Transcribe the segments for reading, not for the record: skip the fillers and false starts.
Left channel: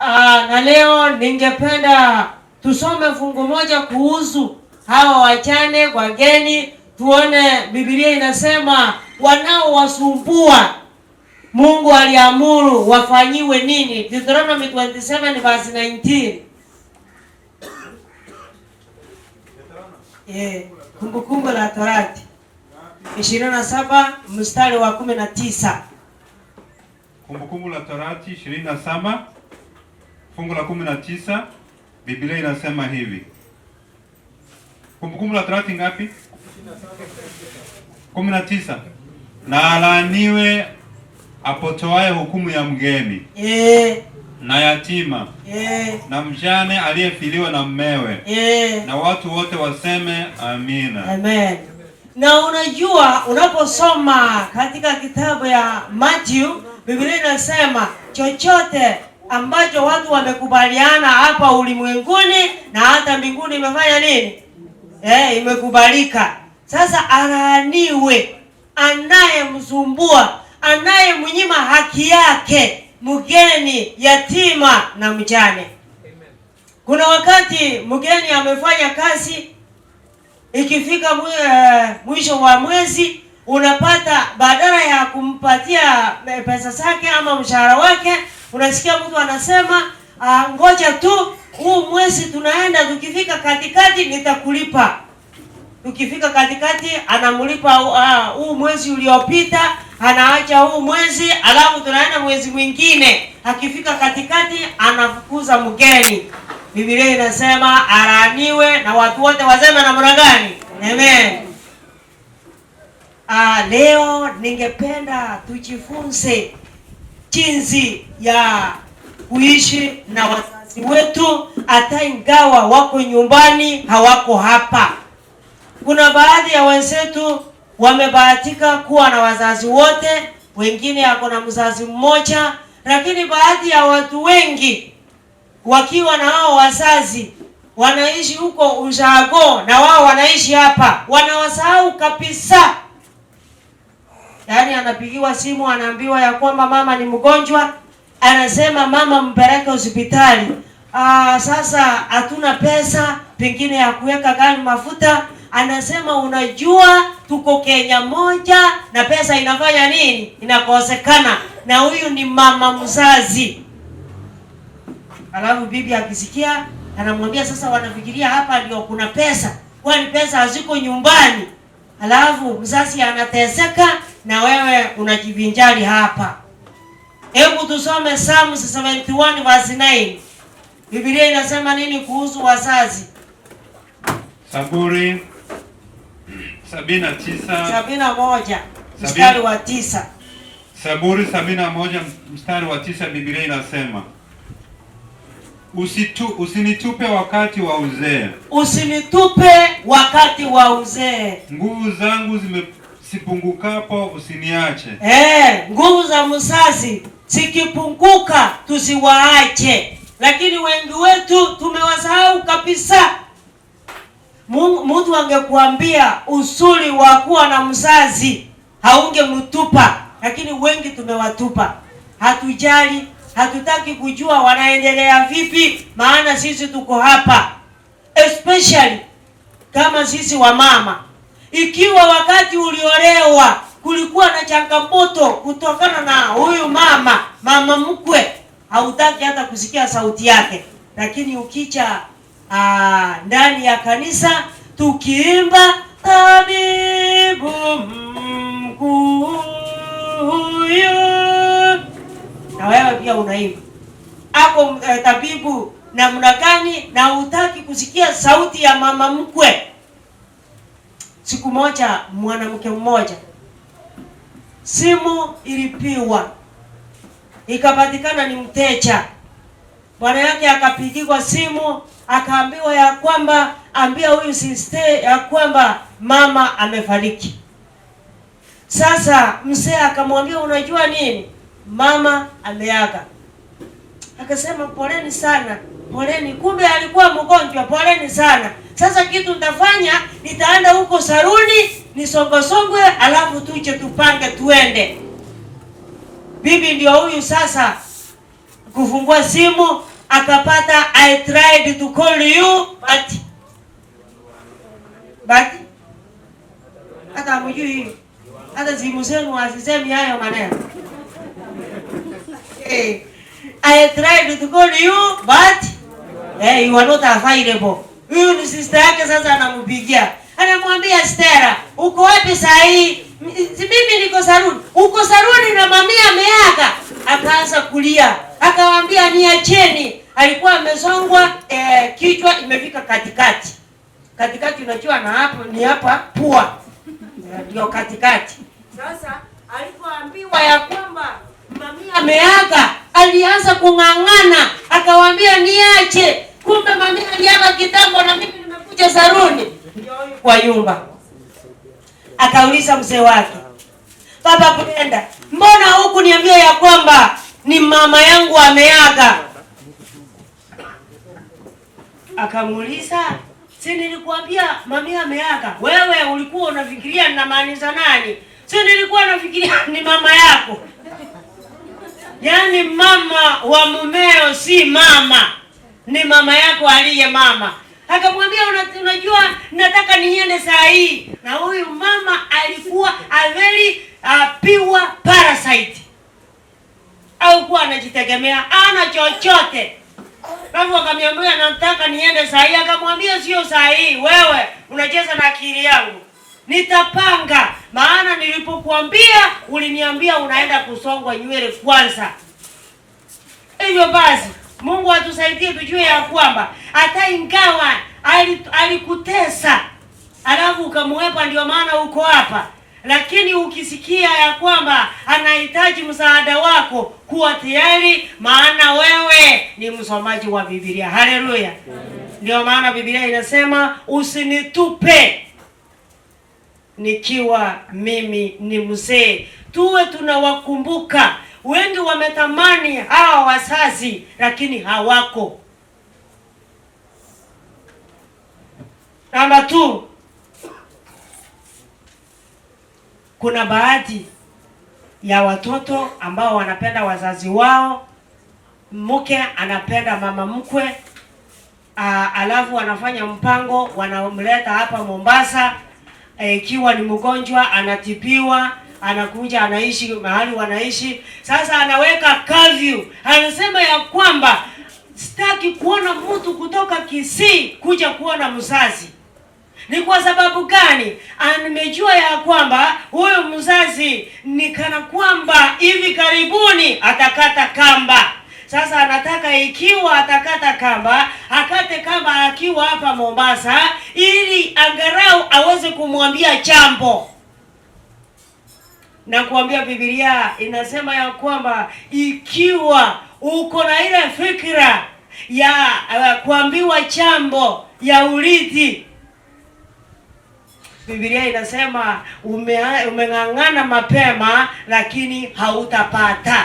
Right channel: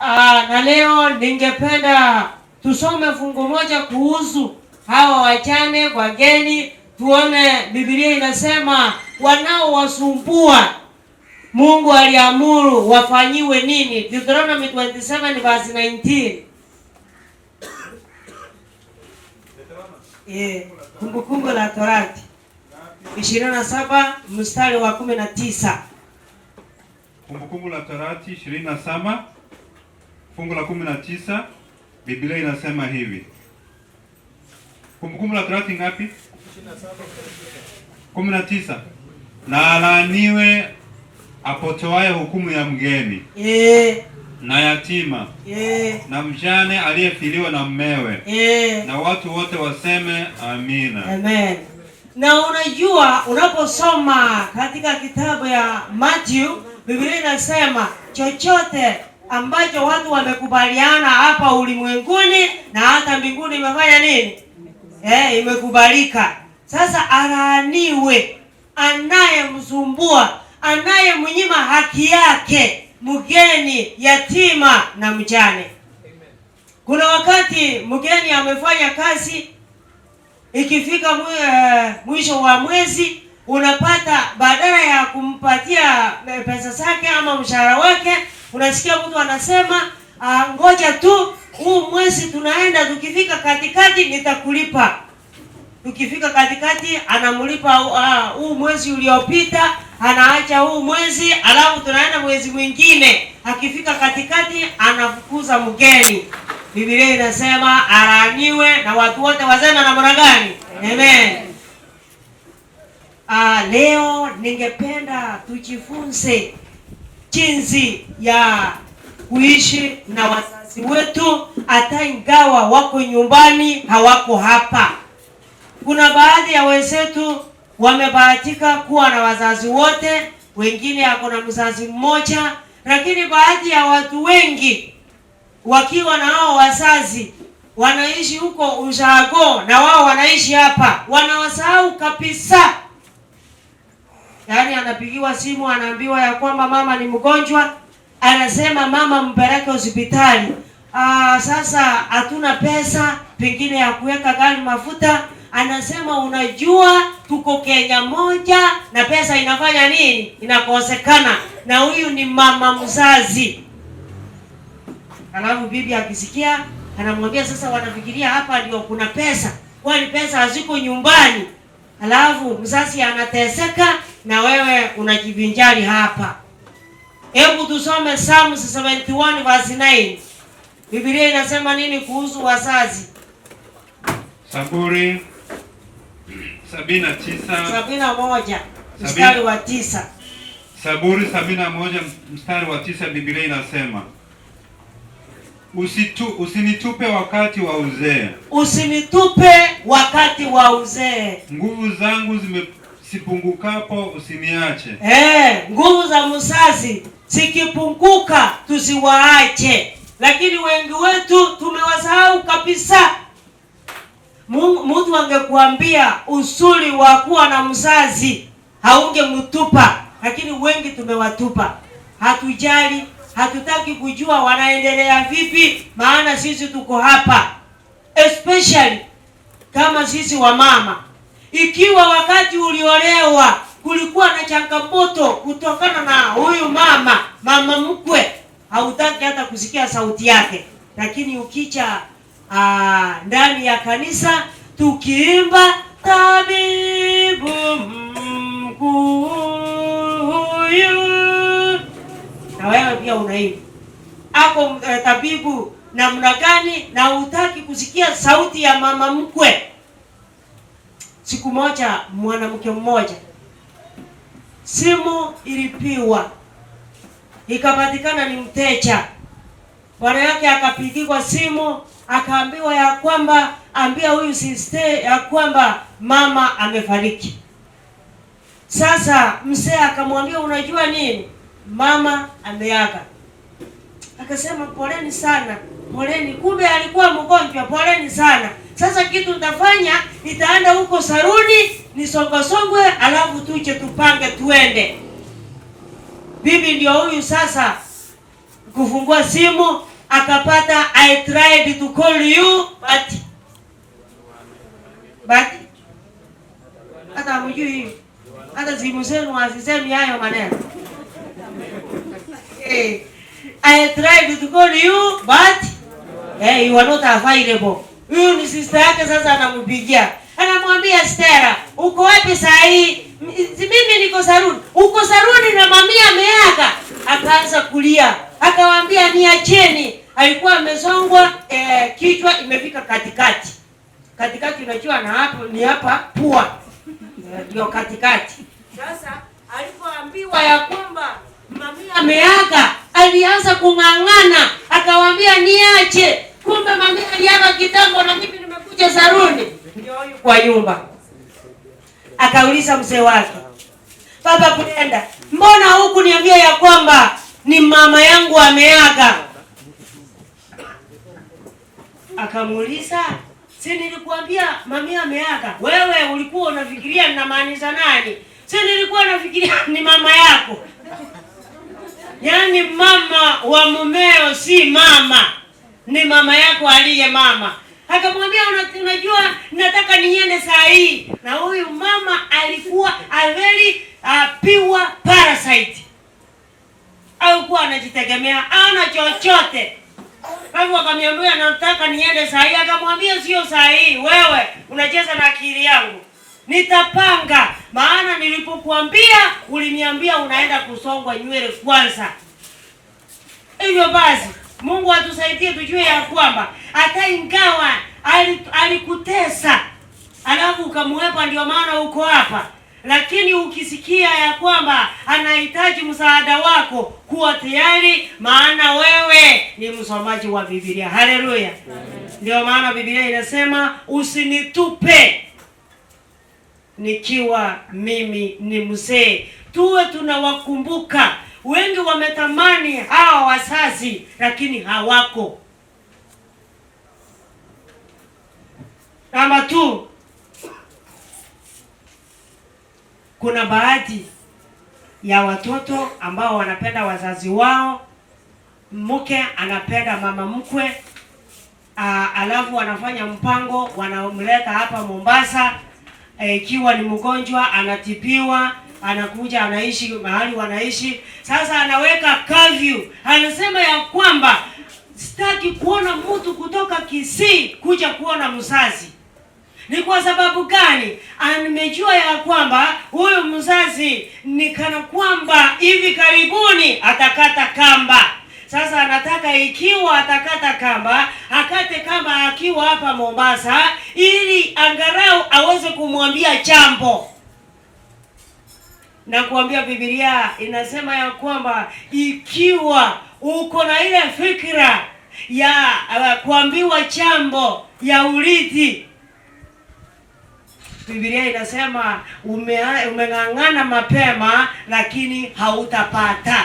Na leo ningependa tusome fungu moja kuhusu hawa wajane wageni, tuone Biblia inasema wanaowasumbua Mungu aliamuru wafanyiwe nini. Deuteronomy 27 verse 19. Kumbukumbu la Torati 27 mstari wa 19. Kumbukumbu la Torati 27 fungu la 19, Biblia inasema hivi. Kumbukumbu la Torati ngapi? 19. Na alaaniwe apotoaye hukumu ya mgeni, na yatima, na mjane aliyefiliwa na mmewe, na watu wote waseme amina. Amen. Na unajua unaposoma katika kitabu ya Matthew, Biblia inasema chochote ambacho watu wamekubaliana hapa ulimwenguni na hata mbinguni imefanya nini? Imekubalika. Sasa alaaniwe anayemsumbua, anayemnyima haki yake mgeni, yatima na mjane. Kuna wakati mgeni amefanya kazi, ikifika mwisho wa mwezi unapata badala ya kumpatia pesa zake ama mshahara wake, unasikia mtu anasema ngoja tu huu mwezi tunaenda, tukifika katikati nitakulipa. Tukifika katikati anamlipa huu mwezi uliopita, anaacha huu mwezi, alafu tunaenda mwezi mwingine. Akifika katikati anafukuza mgeni. Biblia inasema alaaniwe, na watu wote waseme namna gani? Amen. Leo ningependa tujifunze jinsi ya kuishi na wazazi wetu hata ingawa wako nyumbani, hawako hapa. Kuna baadhi ya wenzetu wamebahatika kuwa na wazazi wote, wengine wako na mzazi mmoja, lakini baadhi ya watu wengi wakiwa na hao wazazi wanaishi huko ushago na wao wanaishi hapa, wanawasahau kabisa. Yaani anapigiwa simu anaambiwa ya kwamba mama ni mgonjwa, anasema mama mpeleke hospitali. Sasa hatuna pesa pengine ya kuweka gari mafuta. Anasema unajua tuko Kenya moja na pesa inafanya nini? Inakosekana. Na huyu ni mama mzazi. Alafu bibi akisikia anamwambia sasa wanafikiria hapa ndio kuna pesa, kwani pesa haziko nyumbani. Alafu mzazi anateseka na wewe unajivinjari hapa. Hebu tusome Psalm 71 verse 9. Biblia inasema nini kuhusu wazazi? Zaburi 71 mstari wa 9. Zaburi 71 mstari wa 9, Biblia inasema usinitupe wakati wa uzee. Usinitupe wakati wa uzee. Nguvu zangu zisipungukapo usiniache. Nguvu za mzazi zikipunguka tusiwaache. Lakini wengi wetu tumewasahau kabisa. Mtu angekuambia usuli wa kuwa na mzazi haungemtupa, lakini wengi tumewatupa. Hatujali, hatutaki kujua wanaendelea vipi, maana sisi tuko hapa. Especially kama sisi wa mama. Ikiwa wakati uliolewa kulikuwa na changamoto kutokana na huyu mama mkwe, hautaki hata kusikia sauti yake. Lakini ukicha ndani ya kanisa tukiimba tabibu mkuu huyu, na wewe pia unaimba hapo tabibu namna gani, na hutaki kusikia sauti ya mama mkwe. Siku moja mwanamke mmoja simu ilipiwa, ikapatikana ni mteja. Bwana yake akapigiwa simu, akaambiwa ya kwamba ambia huyu sister ya kwamba mama amefariki. Sasa mzee akamwambia unajua nini? Mama ameaga. Akasema poleni sana. Poleni, kumbe alikuwa mgonjwa, poleni sana. Sasa kitu utafanya, nitaenda huko saruni, nisongosongwe, alafu tuje tupange tuende. Bibi ndio huyu sasa kufungua simu, akapata I tried to call you but hata mjui, hata simu zenu asisemi hayo maneno. I tried to call you but you are not available. Huyu ni sister yake sasa anampigia. Anamwambia Stella, uko wapi saa hii? Mimi niko saruni. Uko saruni na mamia ameaga. Akaanza kulia. Akawaambia niacheni. Alikuwa amesongwa kichwa imefika katikati. Katikati unajua na hapo ni hapa pua. Ndio katikati. Sasa alipoambiwa ya kwamba mamia ameaga, alianza kung'ang'ana. Akawaambia niache. Kumbe mamia aliaga kitambo na mimi nimekuja saruni. Ndio kwa nyumba. Akauliza mzee wake, Baba Brenda, mbona huku niambia ya kwamba ni mama yangu ameaga? Akamuuliza, si nilikuambia mamia ameaga? Wewe ulikuwa unafikiria ninamaanisha nani? Si nilikuwa nafikiria ni mama yako. Yaani mama wa mumeo si mama, ni mama yako aliye mama. Akamwambia unajua nataka niende saa hii. Na huyu mama alikuwa a very pure parasite. Alikuwa anajitegemea, ana chochote. Baba akamwambia nataka niende saa hii. Akamwambia sio saa hii, wewe unacheza na akili yangu. Nitapanga, maana nilipokuambia uliniambia unaenda kusongwa nywele kwanza. Hivyo basi Mungu atusaidie tujue ya kwamba hata ingawa alikutesa alafu ukamwepa ndio maana uko hapa, lakini ukisikia ya kwamba anahitaji msaada wako, kuwa tayari, maana wewe ni msomaji wa Biblia. Haleluya. Ndio maana Biblia inasema usinitupe nikiwa mimi ni mzee. Tuwe tunawakumbuka. Wengi wametamani hawa wazazi lakini hawako. Namba 2, kuna baadhi ya watoto ambao wanapenda wazazi wao. Mke anapenda mama mkwe, alafu wanafanya mpango, wanamleta hapa Mombasa. Ikiwa ni mgonjwa anatibiwa, anakuja anaishi mahali wanaishi. Sasa anaweka curfew. Anasema ya kwamba sitaki kuona mtu kutoka Kisii kuja kuona mzazi. Ni kwa sababu gani? Nimejua ya kwamba huyo mzazi ni kana kwamba hivi karibuni atakata kamba. Sasa anataka ikiwa atakata kamba, akate kamba akiwa hapa Mombasa ili angalau aweze kumwambia jambo. Na kuambia Biblia inasema ya kwamba ikiwa uko na ile fikra ya kuambiwa jambo ya urithi, Biblia inasema umeng'ang'ana mapema lakini hautapata.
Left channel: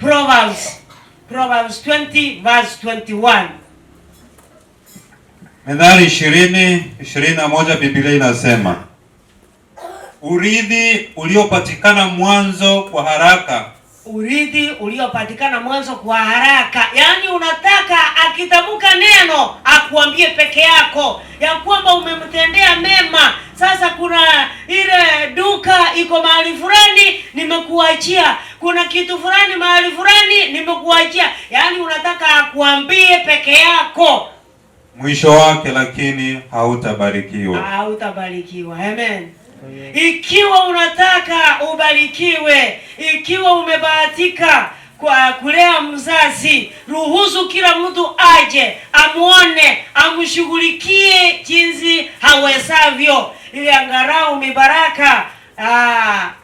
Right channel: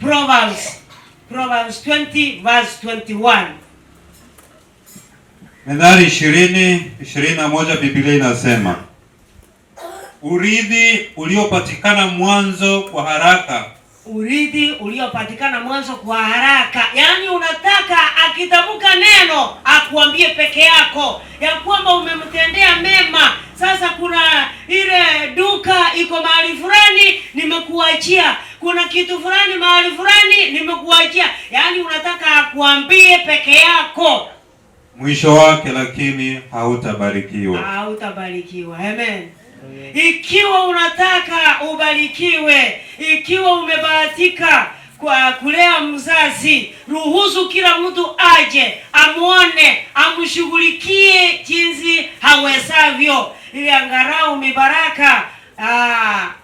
Proverbs 20 verse 21. Methali 20:21 Biblia inasema urithi uliopatikana mwanzo kwa haraka. Urithi uliopatikana mwanzo kwa haraka. Yaani unataka akitamka neno akuambie peke yako ya kwamba umemtendea mema. Sasa kuna ile duka iko mahali fulani nimekuachia. Kuna kitu fulani mahali fulani nimekuachia. Yaani unataka akuambie peke yako. Mwisho wake lakini hautabarikiwa. Hautabarikiwa. Amen. Ikiwa unataka ubarikiwe, ikiwa umebahatika kwa kulea mzazi, ruhusu kila mtu aje, amuone, amshughulikie jinsi hawezavyo, ili angalau mibaraka.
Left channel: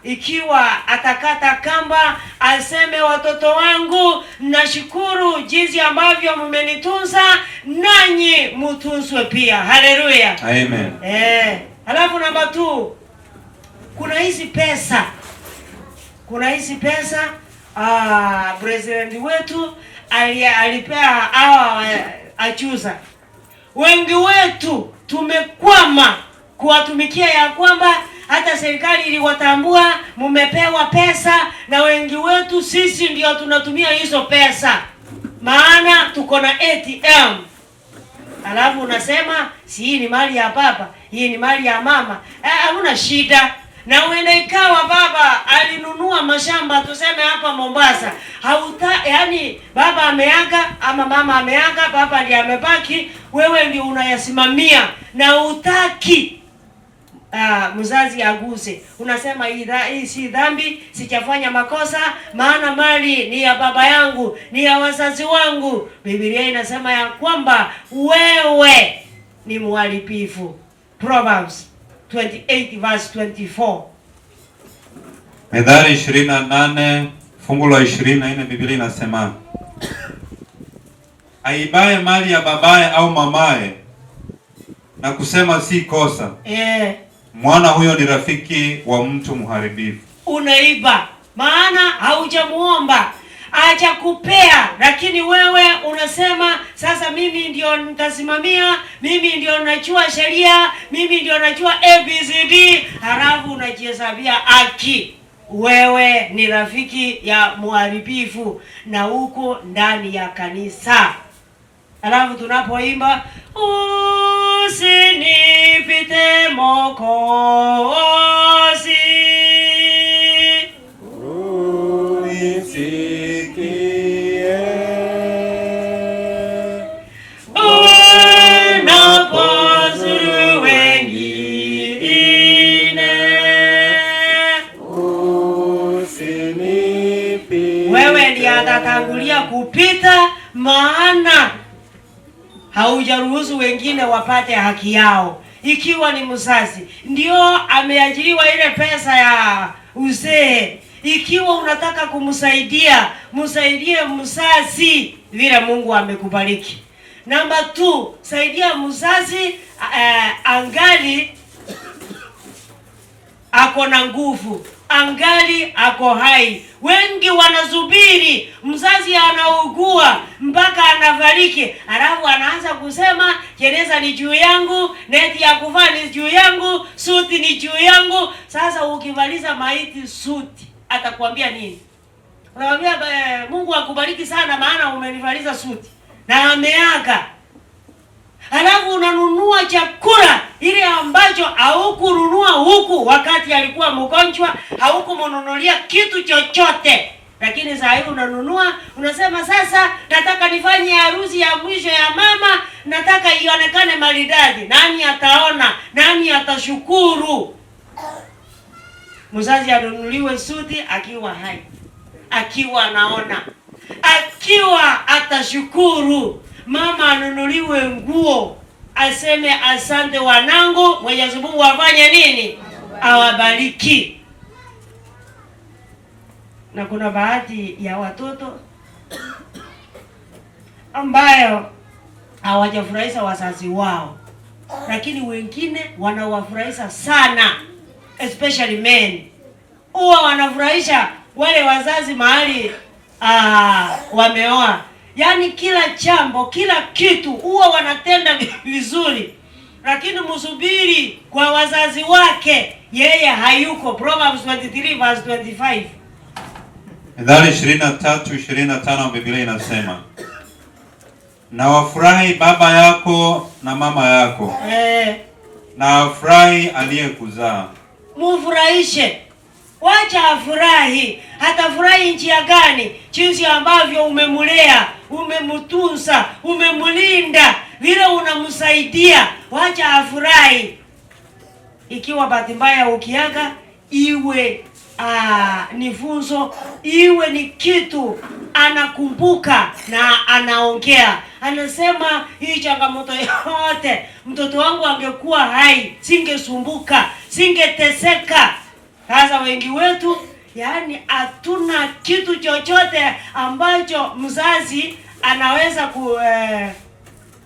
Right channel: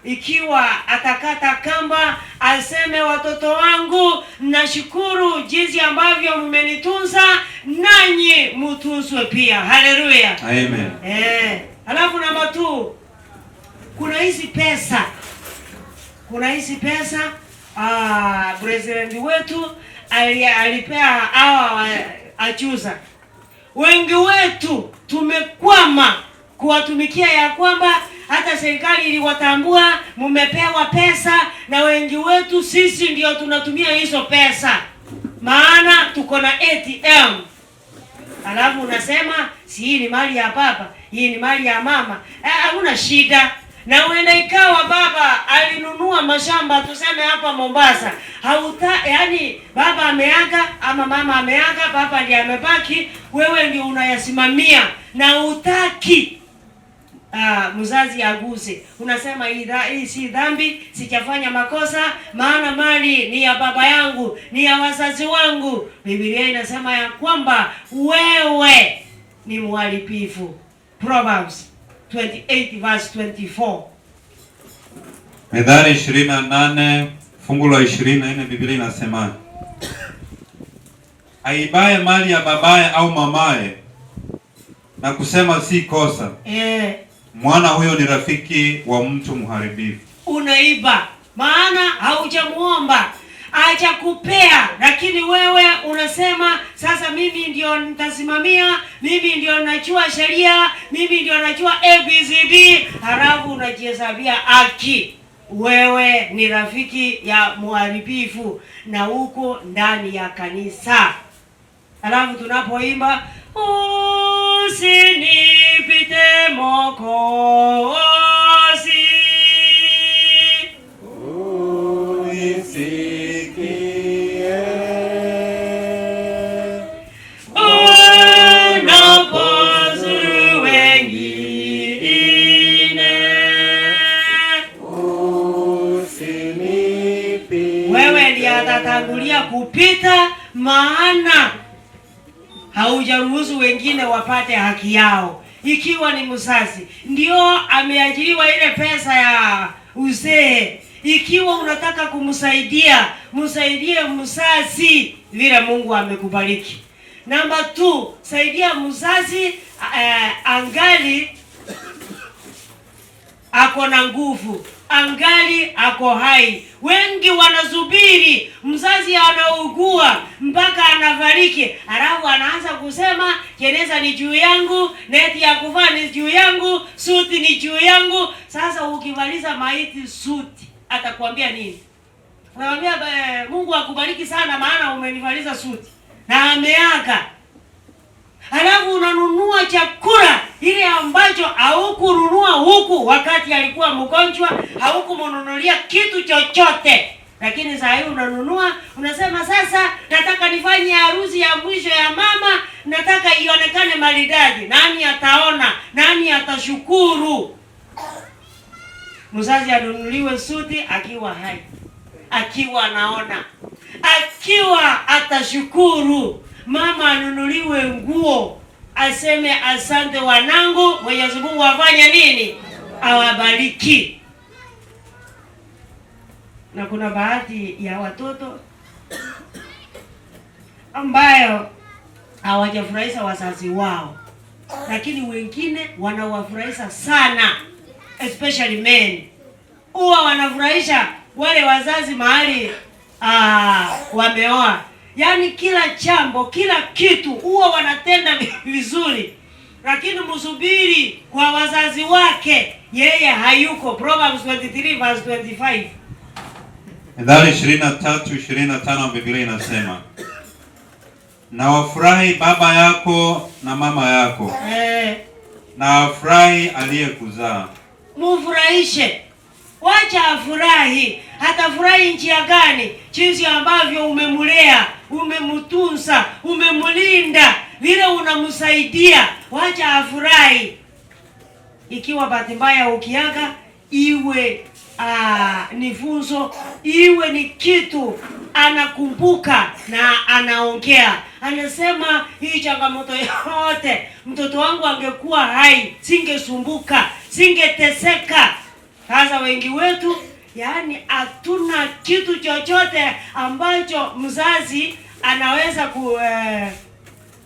Ikiwa atakata kamba, aseme watoto wangu, nashukuru jinsi ambavyo mmenitunza, nanyi mtunzwe pia. Haleluya. Amen. Alafu namba 2, kuna hizi pesa. President wetu alipea hawa achuza. Wengi wetu tumekwama kuwatumikia ya kwamba hata serikali iliwatambua mumepewa pesa, na wengi wetu sisi ndio tunatumia hizo pesa. maana tuko na ATM. Alafu unasema si hii ni mali ya baba, hii ni mali ya mama. Hakuna shida. Na uenda ikawa baba alinunua mashamba tuseme hapa Mombasa. Yani baba ameaga ama mama ameaga, baba ndiye amebaki, wewe ndio unayasimamia na utaki mzazi aguse. Unasema hii si dhambi, sijafanya makosa, maana mali ni ya baba yangu, ni ya wazazi wangu. Biblia inasema ya kwamba wewe ni mharibifu. Proverbs 28 verse 24. Methali 28 fungu la 24, Biblia inasema aibaye mali ya babaye au mamaye na kusema si kosa, mwana huyo ni rafiki wa mtu mharibifu. Unaiba maana haujamuomba, acha kupea, lakini wewe unasema sasa mimi ndio nitasimamia, mimi ndio najua sheria, mimi ndio najua ABCD, halafu unajihesabia haki. Wewe ni rafiki ya mharibifu na huko ndani ya kanisa. Halafu tunapoimba usinipite Mwokozi, unisikie unapozuru wengine, usinipite. wewe ndiye atatangulia kupita, maana haujaruhusu wengine wapate haki yao. Ikiwa ni mzazi ndio ameajiriwa ile pesa ya uzee, ikiwa unataka kumsaidia, msaidie mzazi vile Mungu amekubariki. Namba 2, saidia mzazi angali ako na nguvu, angali ako hai. Wengi wanasubiri mzazi anaugua mpaka anafariki, alafu anaanza kusema jeneza ni juu yangu, neti ya kuvaa ni juu yangu, suti ni juu yangu. Sasa ukivaliza maiti suti atakwambia nini? Unamwambia Mungu akubariki sana maana umenivaliza suti na ameaga. Halafu unanunua chakula ile ambacho haukununua huku wakati alikuwa mgonjwa, haukumnunulia kitu chochote. Lakini saa hii unanunua, unasema sasa nataka nifanye harusi ya mwisho ya mama, nataka ionekane maridadi. Nani ataona? Nani atashukuru? Mzazi anunuliwe suti akiwa hai, akiwa anaona, akiwa atashukuru. Mama anunuliwe nguo, aseme asante wanangu, Mwenyezi Mungu afanye nini? Awabariki. Na kuna baadhi ya watoto ambayo hawajafurahisha wazazi wao, lakini wengine wanawafurahisha sana, especially men. Huwa wanafurahisha wale wazazi mahali wameoa. Yaani kila jambo, kila kitu huwa wanatenda vizuri, lakini msubiri kwa wazazi wake, yeye hayuko. Proverbs 23 verse 25. Methali 23:25, Biblia inasema na wafurahi baba yako na mama yako, na afurahi aliyekuzaa. Mufurahishe, wacha afurahi. Hatafurahi njia gani? Jinsi ambavyo umemulea, umemtunza, umemlinda, vile unamsaidia, wacha afurahi. Ikiwa bahati mbaya ukiaga, iwe ni funzo, iwe ni kitu anakumbuka na anaongea, anasema hii changamoto yote mtoto wangu angekuwa hai, singesumbuka, singeteseka. Sasa wengi wetu yaani hatuna kitu chochote ambacho mzazi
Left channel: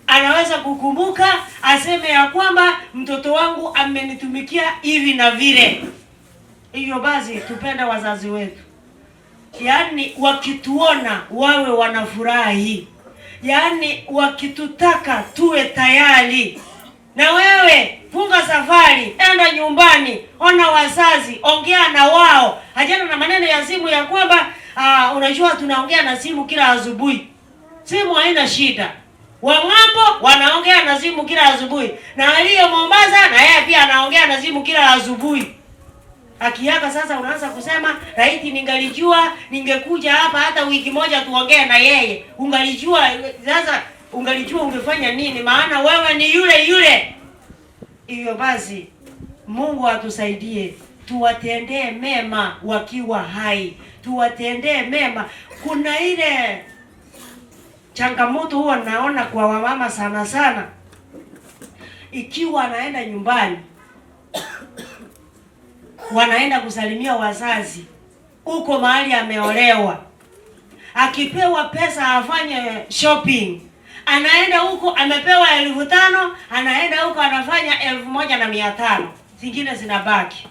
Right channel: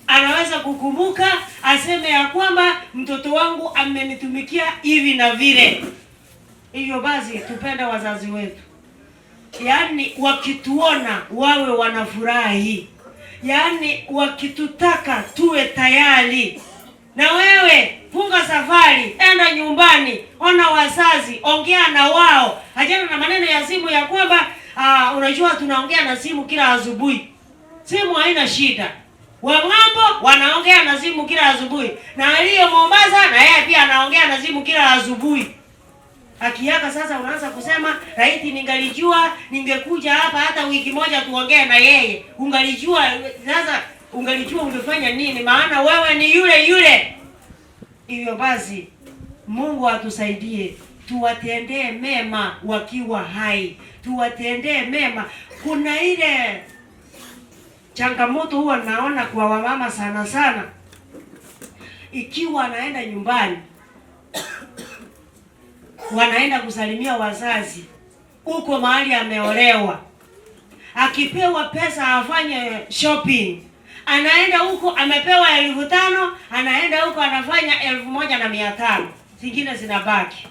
anaweza kukumbuka, aseme ya kwamba mtoto wangu amenitumikia hivi na vile. Hivyo basi tupende wazazi wetu, yaani wakituona wawe wanafurahi, yaani wakitutaka tuwe tayari. Na wewe funga safari, enda nyumbani, ona wazazi, ongea na wao. Hajana na maneno ya simu ya kwamba unajua tunaongea na simu kila asubuhi. simu haina shida. Wang'ambo wanaongea na simu kila asubuhi, na aliye Mombasa na yeye pia anaongea na simu kila asubuhi. Akiaka sasa unaanza kusema laiti ningalijua ningekuja hapa hata wiki moja tuongee na yeye. Ungalijua sasa, ungalijua ungefanya nini? Maana wewe ni yule yule. Hiyo basi Mungu atusaidie, tuwatendee mema wakiwa hai, tuwatendee mema. Kuna ile changamoto huwa naona kwa wamama sana sana, ikiwa anaenda nyumbani wanaenda kusalimia wazazi huko mahali ameolewa, akipewa pesa afanye shopping, anaenda huko amepewa 5,000, anaenda huko anafanya 1,500, zingine zinabaki.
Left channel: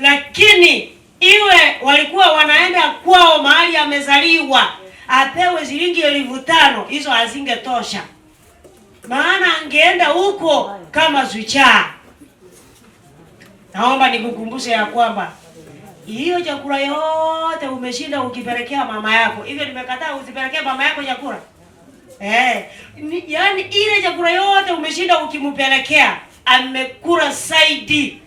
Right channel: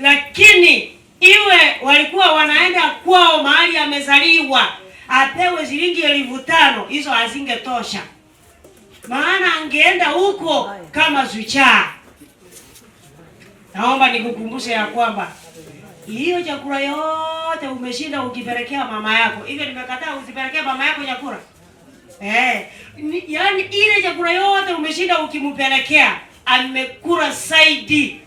Lakini iwe walikuwa wanaenda kwao mahali amezaliwa, apewe shilingi 5,000, hizo hazingetosha, maana angeenda huko kama zuchaa. Naomba nikukumbushe ya kwamba hiyo chakula yote umeshinda ukipelekea mama yako. Hivyo nimekataa usipelekee mama yako chakula. Yaani ile chakula yote umeshinda ukimpelekea, amekula saidi.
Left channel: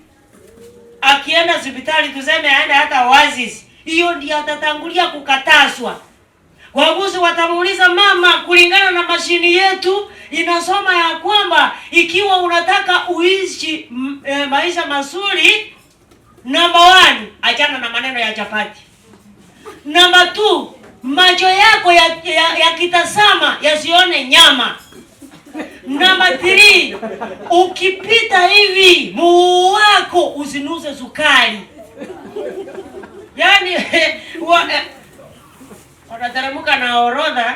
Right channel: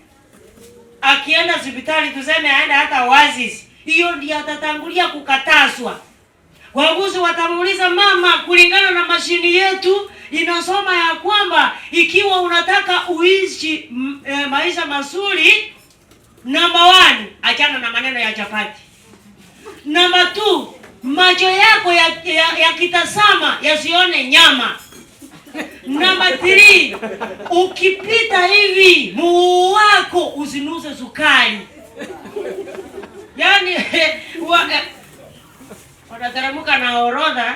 Akienda hospitali tuseme aende hata Wazazi, hiyo ndiyo atatangulia kukataswa. Waguzi watamuuliza mama, kulingana na mashini yetu inasoma ya kwamba ikiwa unataka uishi maisha mazuri, number 1, achana na maneno ya chapati. Number 2, macho yako yakitazama yasione nyama. Number 3, ukipita hivi mguu wako usinuze sukari. Yaani wanateremka na orodha,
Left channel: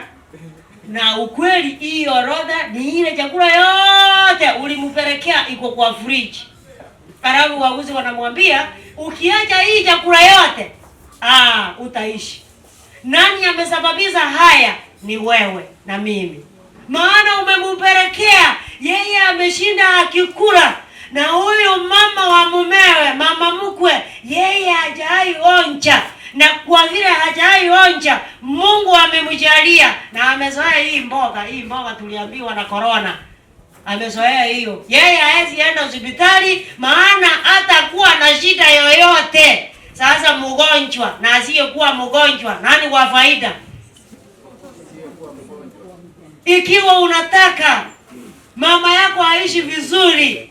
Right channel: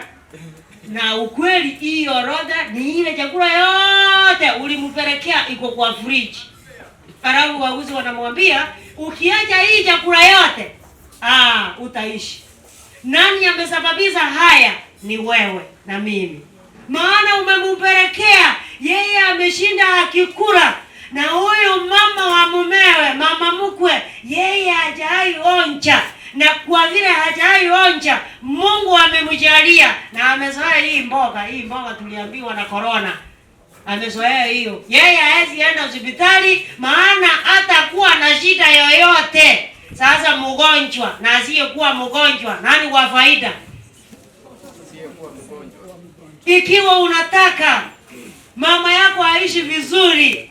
na ukweli hii orodha ni ile chakula yote ulimpelekea iko kwa fridge. Halafu waguzi wanamwambia ukiacha hii chakula yote utaishi. Nani amesababisha haya? Ni wewe na mimi. Maana umempelekea yeye, ameshinda akikula, na huyo mama wa mumewe, mama mkwe, yeye hajai onja. Na kwa vile hajai onja, Mungu amemjalia na amezoea hii mboga tuliambiwa na corona. Amezoea hiyo. Yeye haezi enda hospitali, maana hata kuwa na shida yoyote. Sasa mgonjwa na asiyekuwa mgonjwa, nani kwa faida? Ikiwa unataka mama yako aishi vizuri,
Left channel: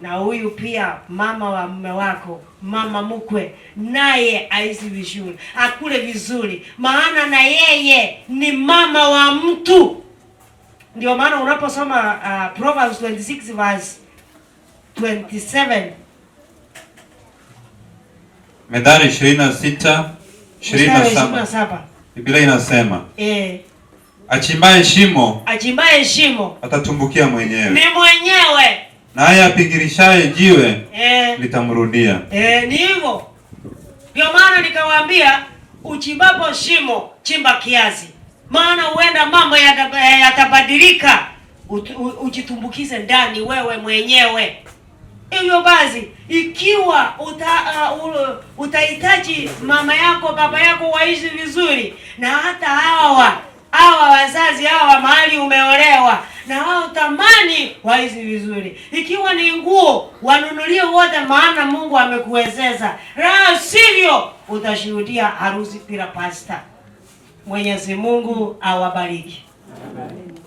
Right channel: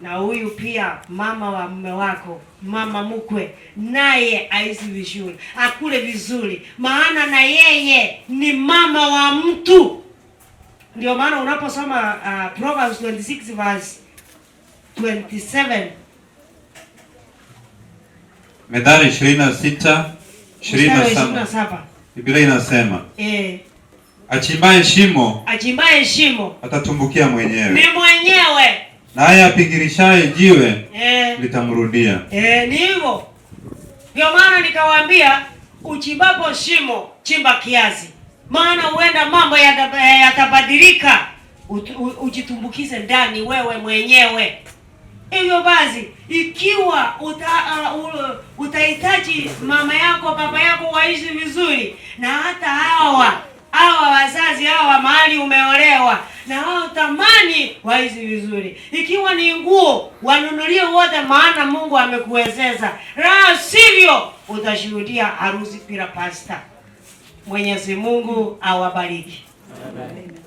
na huyu pia mama wa mume wako, mama mkwe, naye aishi vizuri, akule vizuri, maana na yeye ni mama wa mtu. Ndio maana unaposoma Proverbs 26 verse 27, Methali 26:27, Biblia inasema achimbaye shimo atatumbukia mwenyewe. Ni mwenyewe. Naye apigirishaye jiwe litamrudia. Ni hivyo. Ndio maana nikawaambia uchimbapo shimo chimba kiasi, maana huenda mambo yatabadilika, ujitumbukize ndani wewe mwenyewe. Hivyo basi ikiwa utahitaji mama yako, baba yako waishi vizuri, na hata hawa wazazi hawa mahali umeolewa, na wao tamani waishi vizuri. Ikiwa ni nguo wanunulie wote, maana Mungu amekuwezesha. La sivyo utashuhudia harusi bila pasta. Mwenyezi Mungu awabariki. Amen.